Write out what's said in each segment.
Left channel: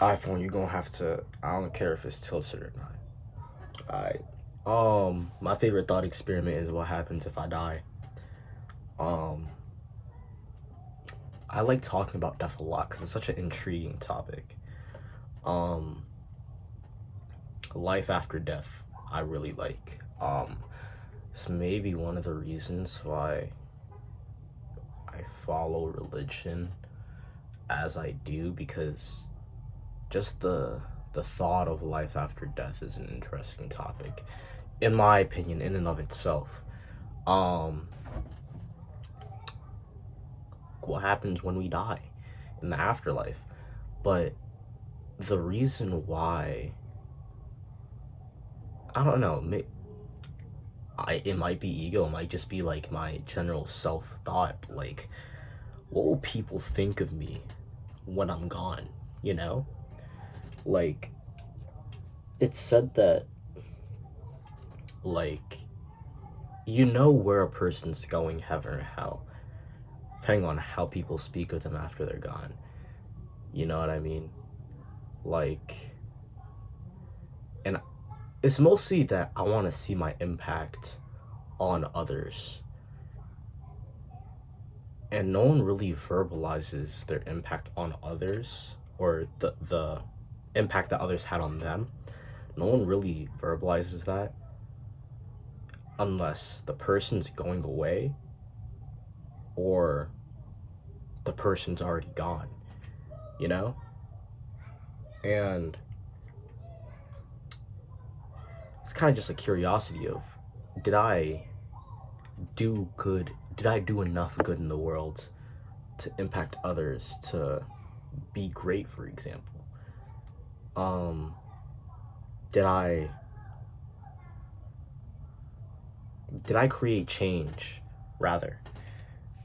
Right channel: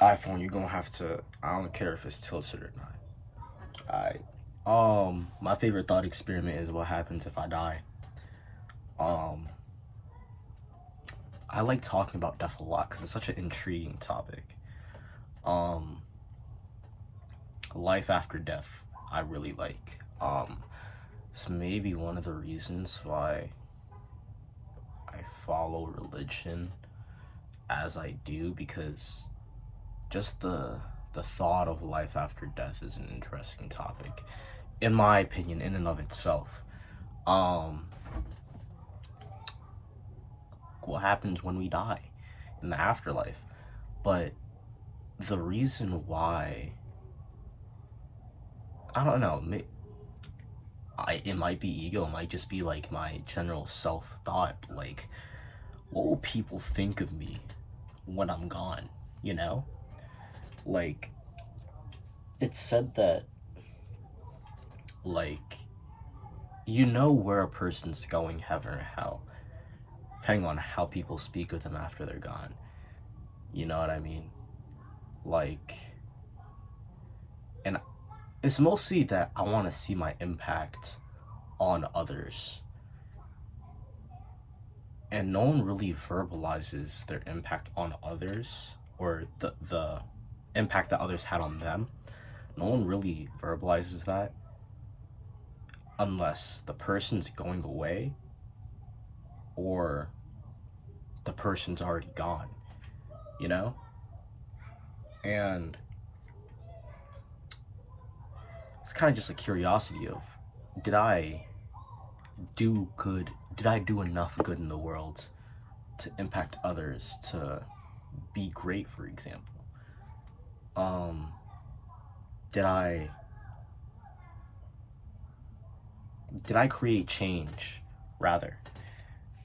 iPhone, you're gonna have to. I don't care if it's tilted or not. I my favorite thought experiment is what happens if I die. Um, I like talking about death a lot because it's such an intriguing topic. Um, Life after death, I really like. It's maybe one of the reasons why I follow religion as I do because just the thought of life after death is an interesting topic, in my opinion, in and of itself. Um, what happens when we die in the afterlife? But the reason why, I don't know, it might be ego, it might just be like my general self thought. Like, what will people think of me when I'm gone? You know? Like, it's said that, like, you know where a person's going, heaven or hell, depending on how people speak of them after they're gone. You know what I mean? Like, and it's mostly that I want to see my impact on others. And no one really verbalizes their impact on others or the impact that others had on them. No one really verbalizes that unless the person's going away or the person's already gone, you know? And it's kind of just a curiosity of, did I do good? Did I do enough good in the world to impact others, to be great, for example? Um, did I did I create change, rather?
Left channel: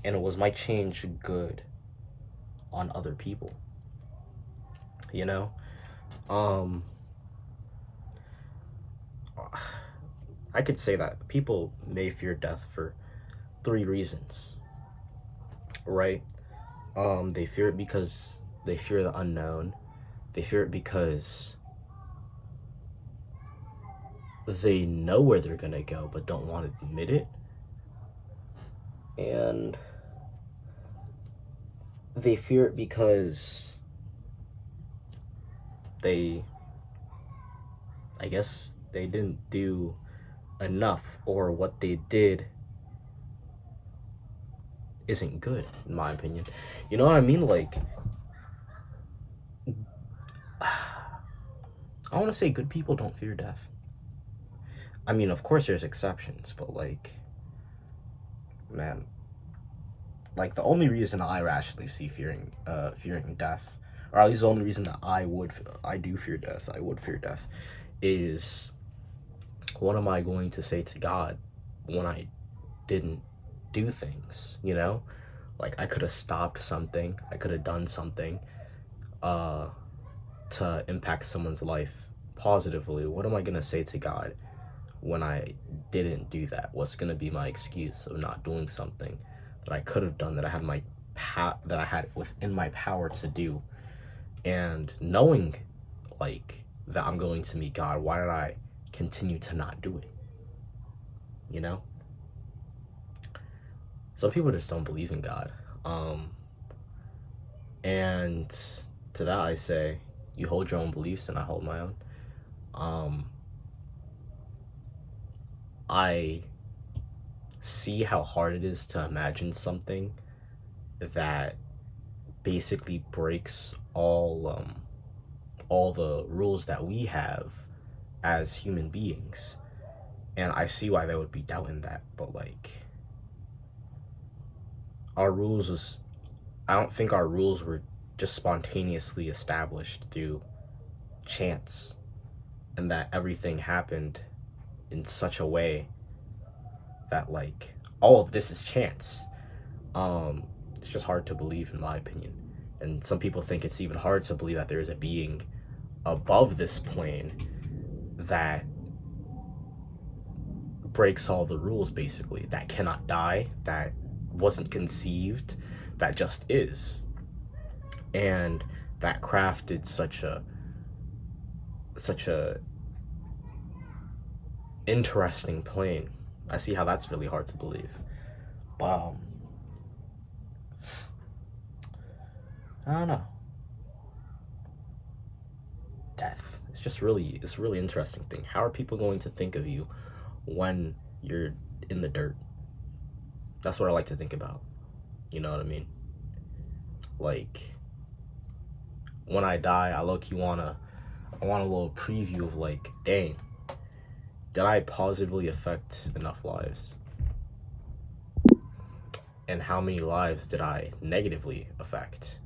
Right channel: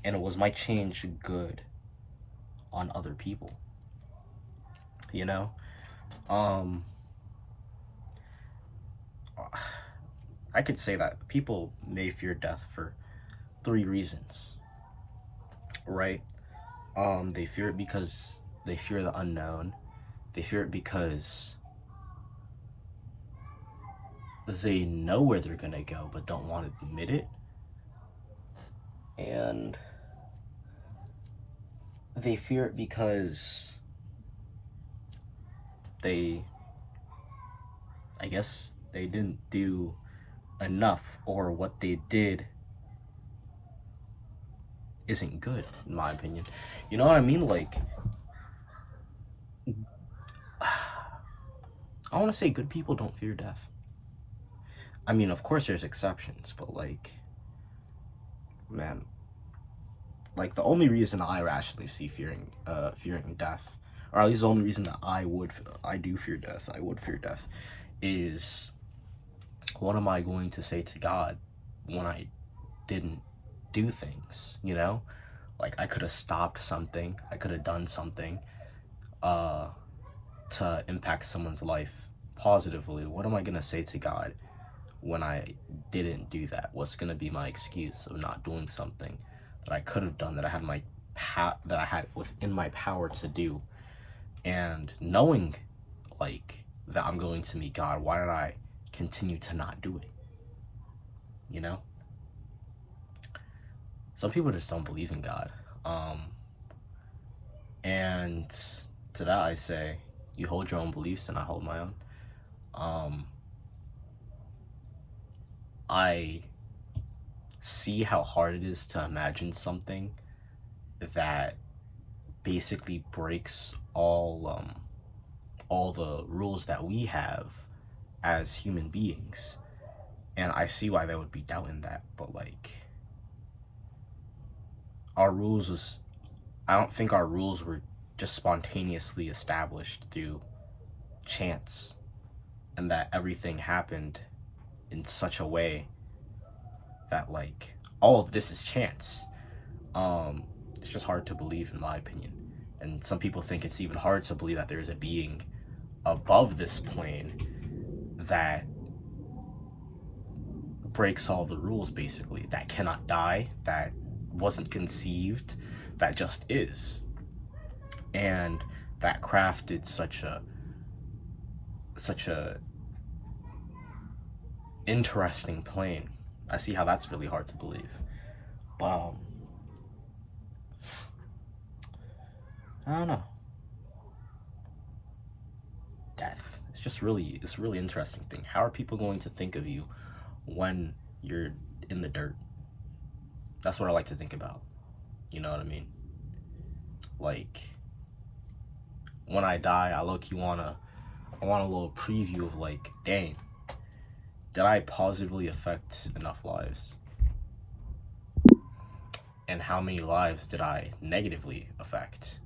And was my change good on other people? You know? Um, I could say that people may fear death for three reasons, right? They fear it because they fear the unknown. They fear it because they know where they're gonna go but don't want to admit it. And they fear it because they, I guess, they didn't do enough, or what they did isn't good, in my opinion. You know what I mean? Like, I want to say good people don't fear death. I mean, of course, there's exceptions, but like, man, like the only reason I rationally see fearing death, or at least the only reason that I do fear death, I would fear death, is what am I going to say to God when I didn't do things? You know, like I could have stopped something, I could have done something, uh, to impact someone's life positively. What am I gonna say to God when I didn't do that? What's gonna be my excuse of not doing something that I could have done, that I had that I had within my power to do? And knowing, like, that I'm going to meet God, why did I continue to not do it? You know? Some people just don't believe in God. Um, and to that I say, you hold your own beliefs and I hold my own. Um, I see how hard it is to imagine something that basically breaks all the rules that we have as human beings, and I see why they would be doubting that. But like, our rules was I don't think our rules were just spontaneously established through chance, and that everything happened in such a way that like all of this is chance. It's just hard to believe, in my opinion. And some people think it's even hard to believe that there is a being above this plane that breaks all the rules, basically, that cannot die, that wasn't conceived, that just is. And that crafted such a interesting plane. I see how that's really hard to believe. But I don't know. Death. It's a really interesting thing. How are people going to think of you when you're in the dirt? That's what I like to think about. You know what I mean? Like, when I die, I low-key I want a little preview of like, dang, did I positively affect enough lives? And how many lives did I negatively affect?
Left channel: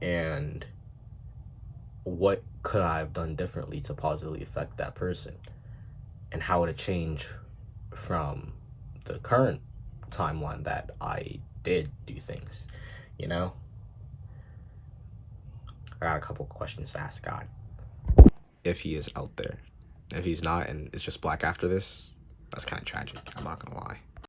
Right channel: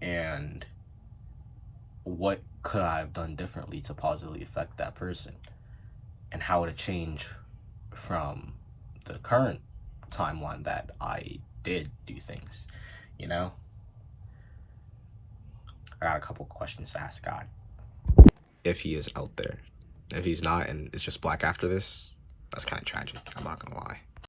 And what could I have done differently to positively affect that person? And how would it change from the current timeline that I did do things, you know? I got a couple questions to ask God. If he is out there. If he's not and it's just black after this, that's kind of tragic. I'm not gonna lie.